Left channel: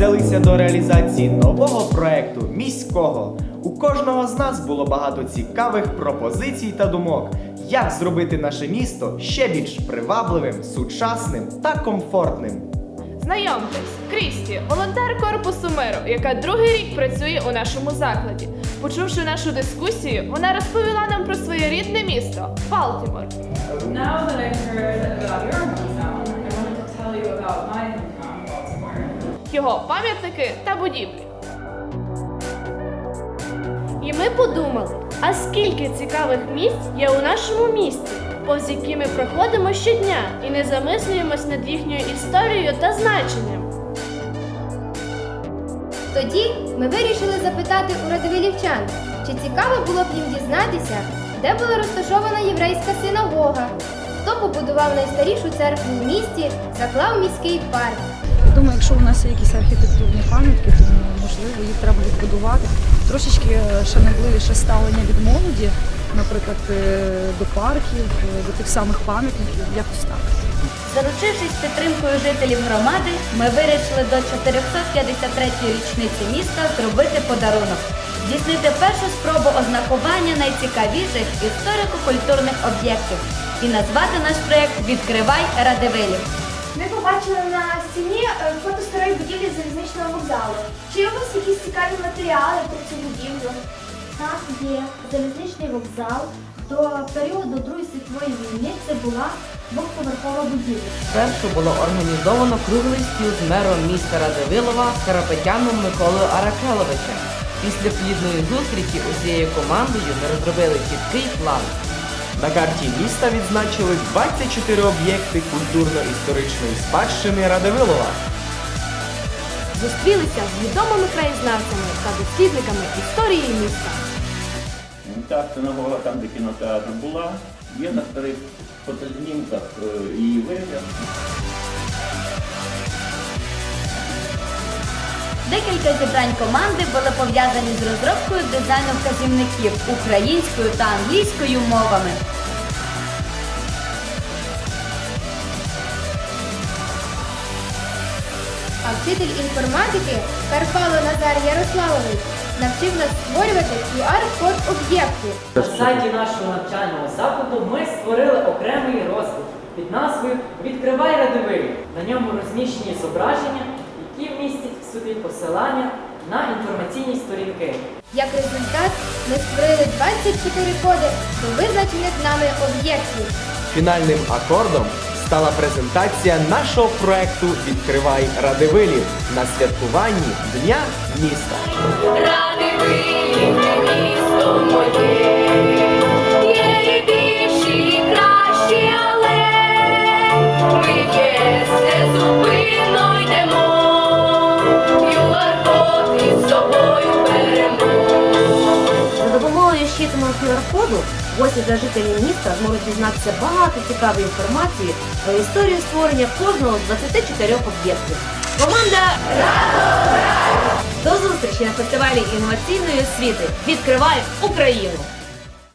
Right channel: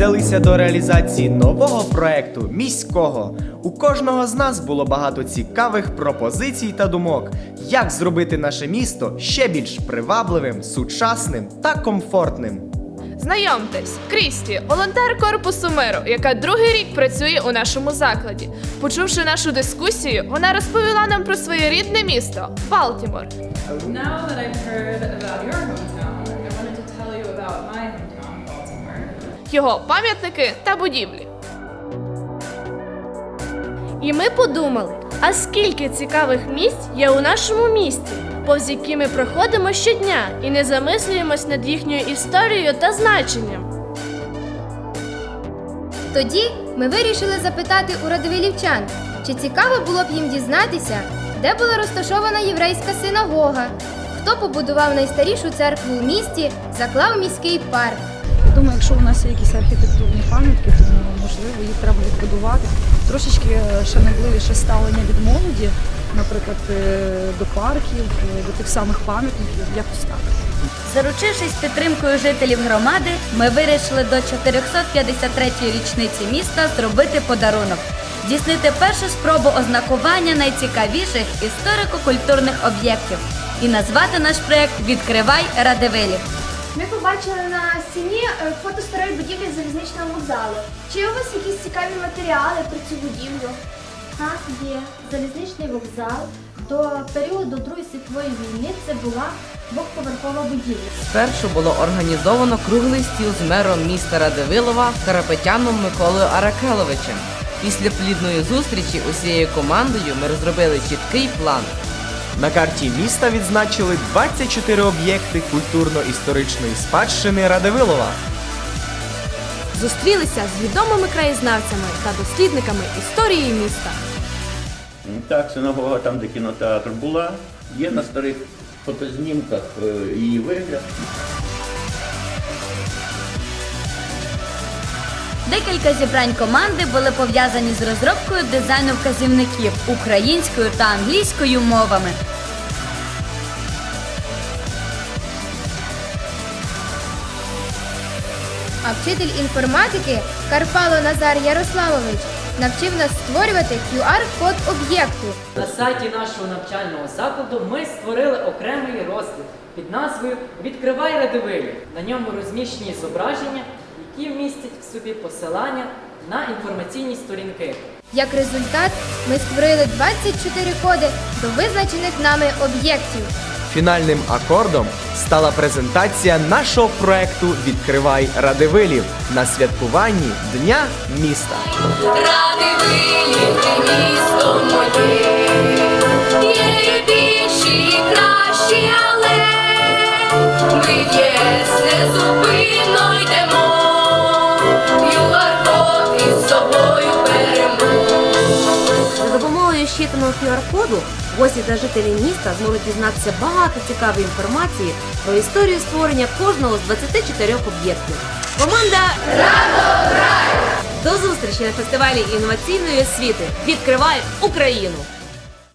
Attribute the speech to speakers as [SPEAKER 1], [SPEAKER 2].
[SPEAKER 1] взялися до реалізації нового проекту міського. У кожного з нас було багато цікавих пропозицій та думок, як зробити наше місто ще більш привабливим, сучасним та комфортним.
[SPEAKER 2] Знайомтесь, Крісті, волонтер корпусу миру, яка другий рік працює у нашому закладі. Почувши нашу дискусію, вона розповіла нам про своє рідне місто Балтімор. Його пам'ятники та будівлі.
[SPEAKER 3] І ми подумали, а скільки цікавих місць є у нашому місті, повз які ми проходимо щодня і не замислюємось над їхньою історією та значенням.
[SPEAKER 4] Тоді ми вирішили запитати у радивилівчан, чи цікаво було б їм дізнатися, де була розташована єврейська синагога, хто побудував найстарішу церкву в місті, заклав міський парк.
[SPEAKER 5] Думаю, якщо у нас є якісь архітектурні пам'ятки, то можливо їх треба відбудувати. Трошечки е, шанобливіше ставлення від молоді, наприклад, е, до парків, е, до тих самих пам'ятників, якось так.
[SPEAKER 6] Заручившись підтримкою жителів громади, ми вирішили до 453-ї річниці міста зробити подарунок, здійснити першу спробу ознакування найцікавіших історико-культурних об'єктів і назвати наш проєкт Відкривай Радивилів.
[SPEAKER 7] Ми побачили на стіні е, фото старої будівлі залізничного вокзалу. Чи у вас якісь цікаві матеріали про цю будівлю?
[SPEAKER 8] Так, є залізничний вокзал. До періоду Другої світової війни це була двохповерхова будівля.
[SPEAKER 9] Спершу було організовано круглий стіл з мером міста Радивилова Карапетяном Миколою Аракеловичем. Після плідної зустрічі усією командою ми розробили чіткий план.
[SPEAKER 1] На карті міста відзначили 24 об'єкти культурно-історичної спадщини Радивилова.
[SPEAKER 3] Зустрілися з відомими краєзнавцями та дослідниками історії міста.
[SPEAKER 10] Так, синагога там, де кінотеатр була, є на старих фотознімках е, її вигляд.
[SPEAKER 6] Декілька зібрань команди були пов'язані з розробкою дизайну вказівників українською та англійською мовами.
[SPEAKER 4] А вчитель інформатики Карпало Назар Ярославович навчив нас створювати QR-код об'єкту.
[SPEAKER 11] На сайті нашого навчального закладу ми створили окремий розділ під назвою Відкривай радивилів. На ньому розміщені зображення, які містять в собі посилання на інформаційні сторінки.
[SPEAKER 4] Як результат, ми створили 24 коди до визначених нами об'єктів.
[SPEAKER 1] Фінальним акордом стала презентація нашого проекту Відкривай Радивилів на святкуванні Дня міста.
[SPEAKER 7] Є більші і кращі, але ми є незупинно йдемо.
[SPEAKER 3] Допомогою QR-коду гості та жителі міста зможуть дізнатися багато цікавої інформації про історію створення кожного з 24 об'єктів. Команда Радо До зустрічі на фестивалі інноваційної освіти! Відкривай Україну!